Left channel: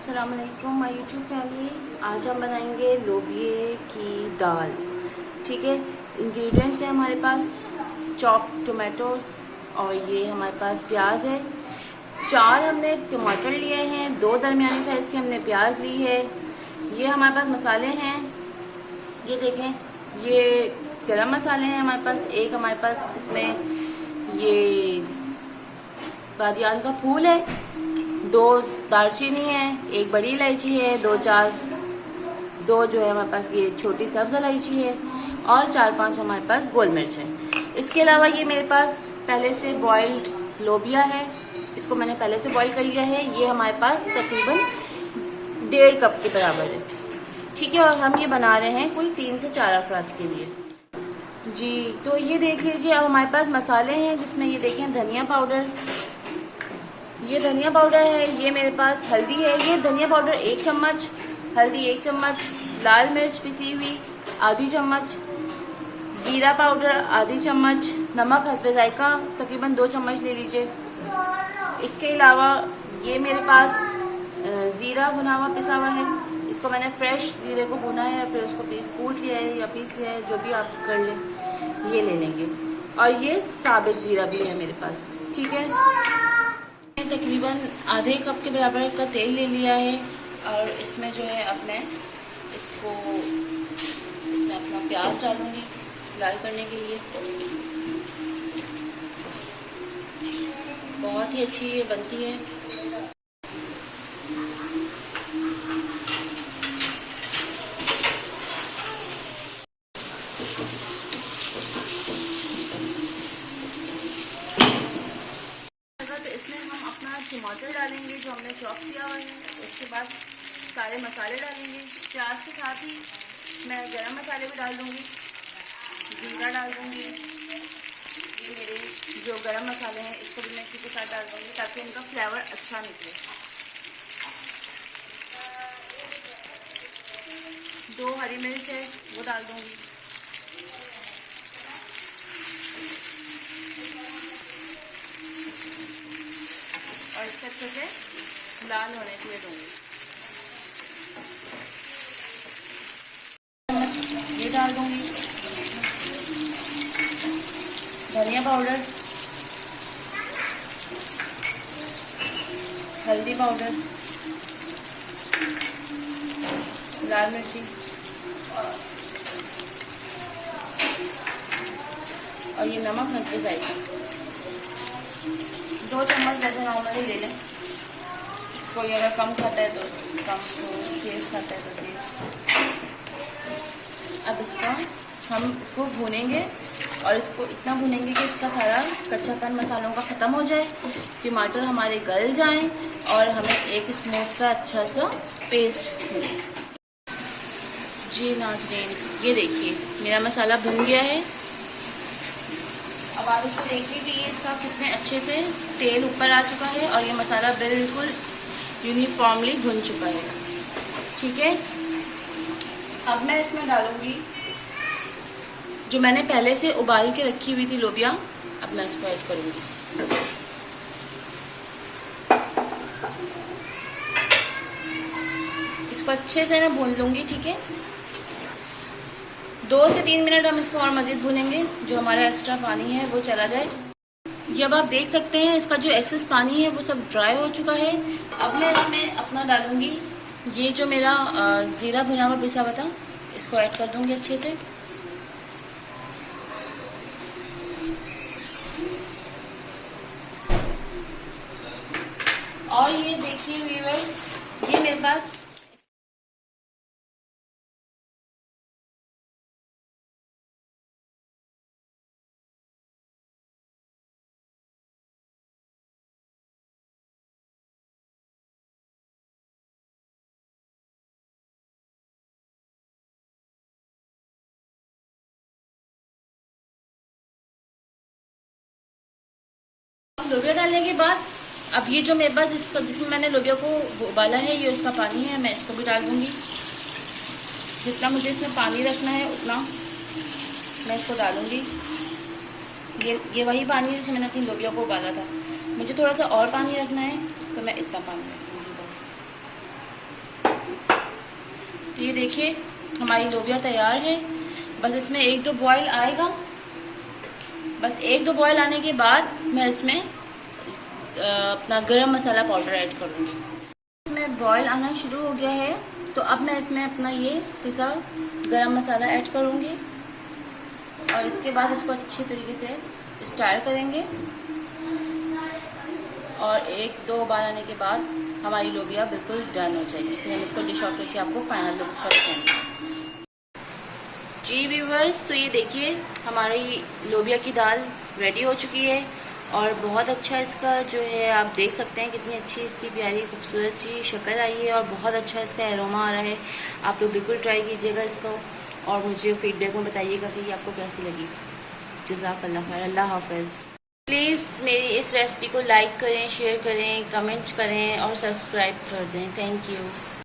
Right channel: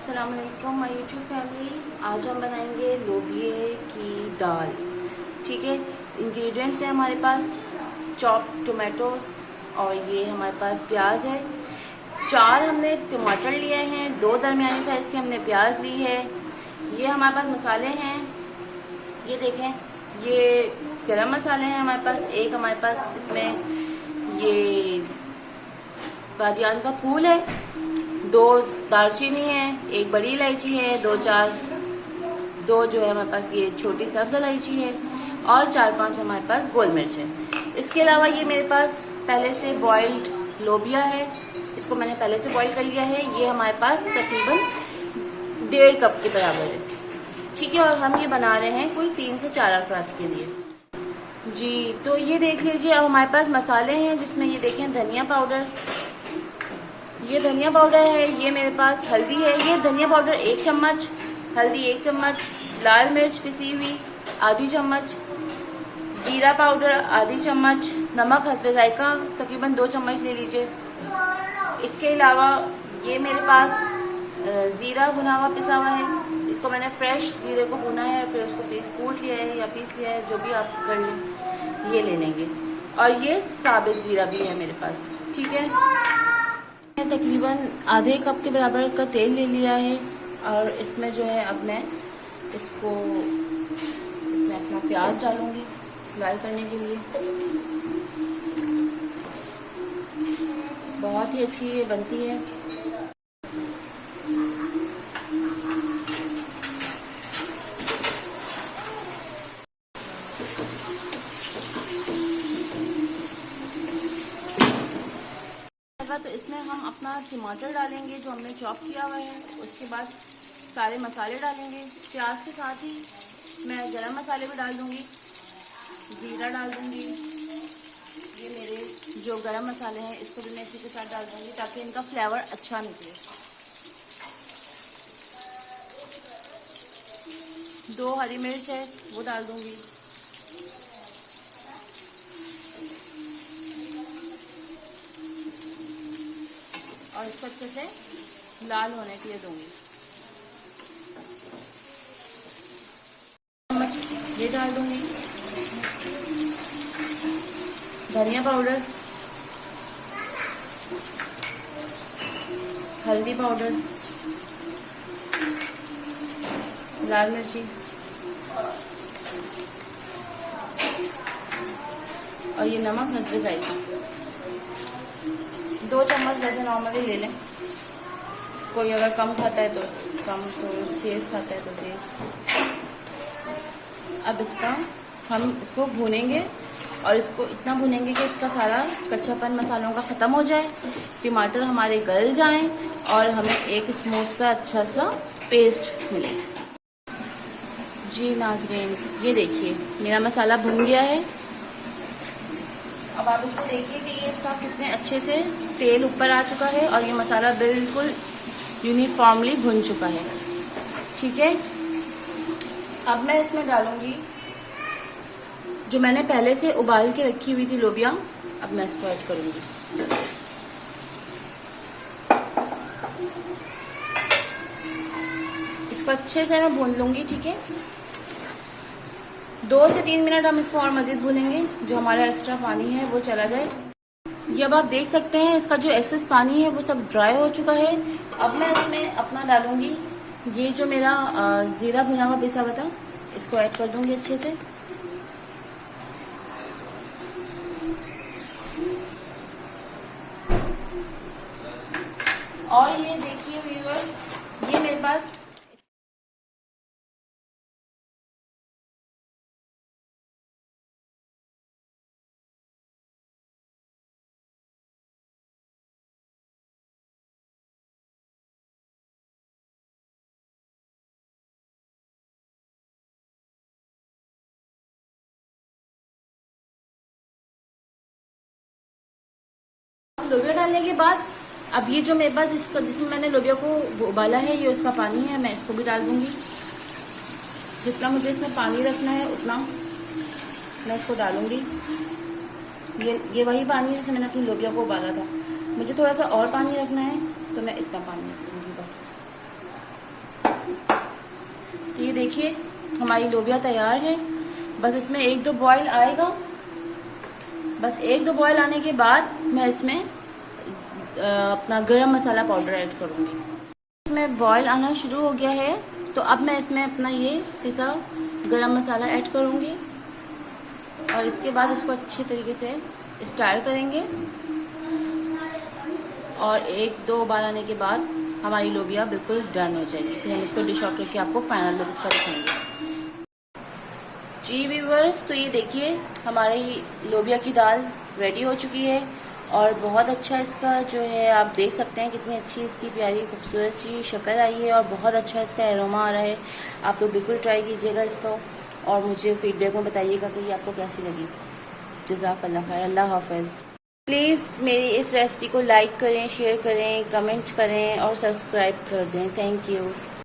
अस्सलाम वालेकुम my YouTube family. आज हम बनाएंगे लोबिये की दाल। ठीक है, इंग्रेडिएंट्स हैं हमारे पास चॉप टोमेटोज और ये हमारे पास प्याज है। 4 हमने टमाटर लिए हैं, 2 दरमियानी साइज के हमने प्याज ली है। ये हमारे पास मसाले हैं, ये देखें, ये गरम मसाले हैं हमारे पास। एक हमारे पास इसमें ये बादियान का फूल है, 2 दालचीनी है, 1 बड़ी इलायची है, 2 जो है हमारे पास ये छोटी सब्ज इलायची है और 4-5 हमारे पास गोल मिर्च है। इसके अलावा ये मेरे पास पहले से बॉइल्ड लोबिया है, इसको मैंने पहले से बॉइल कर लिया है। ये हमारे पास तकरीबन 1.5 कप के बराबर है। ठीक है, और हम ये बना रहे हैं कुल 3 से 4 अफराद के लिए जी। तो ये देख लीजिए, अब हमारे पास मसाले हैं जिसमें ये देखें धनिया पाउडर, ये धनिया पाउडर है, ये मेरे पास हल्दी है, ये धनिया पाउडर 1 चम्मच, हल्दी 1 चम्मच, लाल मिर्च पिसी हुई आधी चम्मच, जीरा पाउडर आधी चम्मच, नमक हस्बे जायका तकरीबन 2 चम्मच ले लीजिए। इसके अलावा ये मेरे पास जीरा भुना हुआ पिसा हुआ है, इसको मैंने फ्रेश जीरे को भुना है और फिर उसको कूट लिया है या पीस लिया है, जो भी आप कर लें, ये ले लेंगे। और ये साबित जीरा भी है मेरे पास। ठीक है, तकरीबन आधे कप के बराबर का तेल ले लिया है और इसमें जो है अब मैं इसमें अपना प्याज डालूंगी लाल करने के लिए। बहुत ही अच्छी ये बनती है। तो इसमें हम अपना टमाटर डालेंगे जो हमने चॉप किया हुआ है। उसके बाद सारे मसाले डालेंगे। प्याज के साथ ही मैं गरम मसाले भी डाल दूंगी, जीरा डाल दूंगी। ये मेरे जो गरम मसाले हैं इसको भी मैं इसी के साथ डाल दूंगी ताकि इनका फ्लेवर अच्छा निकले। 2 हरी मिर्च है वो डाल दूंगी। और इसको अच्छे से लाल होने के लिए दूंगी। ये डाल दूंगी धनिया पाउडर, हल्दी पाउडर, लाल मिर्ची और ये नमक हस्बे जायका 2 चम्मच जैसे नॉर्मली ले लें। कोई अगर कम खाता है तो कम, तो तेज खाता है तो तेज। अब इसको भूनेंगे और इसको इतना भूनेंगे कि इसका सारा कच्चापन मसालों का ख़त्म हो जाए, टमाटर हमारे गल जाएं और हमें एक स्मूथ सा अच्छा सा पेस्ट मिले। जी नाज़रीन, ये देखिए मेरा मसाला भुन गया है। अब आप इसको देखिए कि ये इसका कितने अच्छे से तेल ऊपर आ चुका है और ये मसाला बिल्कुल यूनिफॉर्मली भुन चुका है। ठीक है, अब मैं इसमें डालूंगी जो मैंने पहले से उबाल के रखी हुई थी लोबिया। अब मैं इसको ऐड करूंगी। इसको अच्छे से मैं भून लूंगी। ठीक है, 2 से 3 मिनट हम इसको और मजीद भूनेंगे, जो हमारा एक्स्ट्रा पानी है वो चला जाए। ये अब आप देख सकते हैं इसका जो एक्सेस पानी है वो सब ड्राई हो चुका है। अब मैं इसमें अपना डालूंगी ये जो मेरा जीरा भुना हुआ पिसा हुआ था, इसको ऐड कर दूंगी अच्छे से। और ये देखिए व्यूअर्स, ये मेरे पास लोबिया डालने के बाद अब ये जो मेरे पास इसका जिसमें मैंने लोबिया को उबाला है, ये उसका पानी है, मैं इसको भी डाल दूंगी। जितना मुझे इसमें पानी रखना है उतना मैं इसको डालूंगी। ये वही पानी है जिसमें मैंने अपनी लोबिया को उबाला था। मुझे थोड़ा सा और पानी रखना है तो मैं इतना पानी रखूंगी बस। तो ये देखिए हमारी लोबिया तैयार है। बस इसमें 1-2 बॉयल आएगा। बस 1-2 बॉयल आने के बाद मैं इसमें अपना गरम मसाला पाउडर ऐड करूंगी। इसमें बॉयल आना शुरू हो गया है, तो अब मैं इसमें अपना ये पिसा गरम मसाला ऐड करूंगी और इसके बाद इसको अच्छे तरीके से स्टार करेंगे और 1-2 बार आने के बाद हमारी लोबिया बिल्कुल डन हो जाएगी। फिर हम इसको डिश आउट करके आपको फाइनल लुक इसका दिखाएंगे। जी व्यूअर्स, तो ये देखिए हमारी लोबिया की दाल रेडी हो चुकी है और बहुत अच्छा इसका जो है आप देख सकते हैं कितनी अच्छी इसकी प्यारी खूबसूरत सी शक्ल आई है और बहुत अच्छा इसका एरोमा आ रहा है। आप लोग बिल्कुल ट्राई कीजिएगा इसको और मुझे फीडबैक में बताइएगा कि ये आपको कैसी लगी। जज़ाकल्लाह खैर, अल्लाह हाफ़िज़। प्लीज़ मेरी इस रेसिपी को लाइक करें, शेयर करें, कमेंट करें और सब्सक्राइब कर दें। Thank you.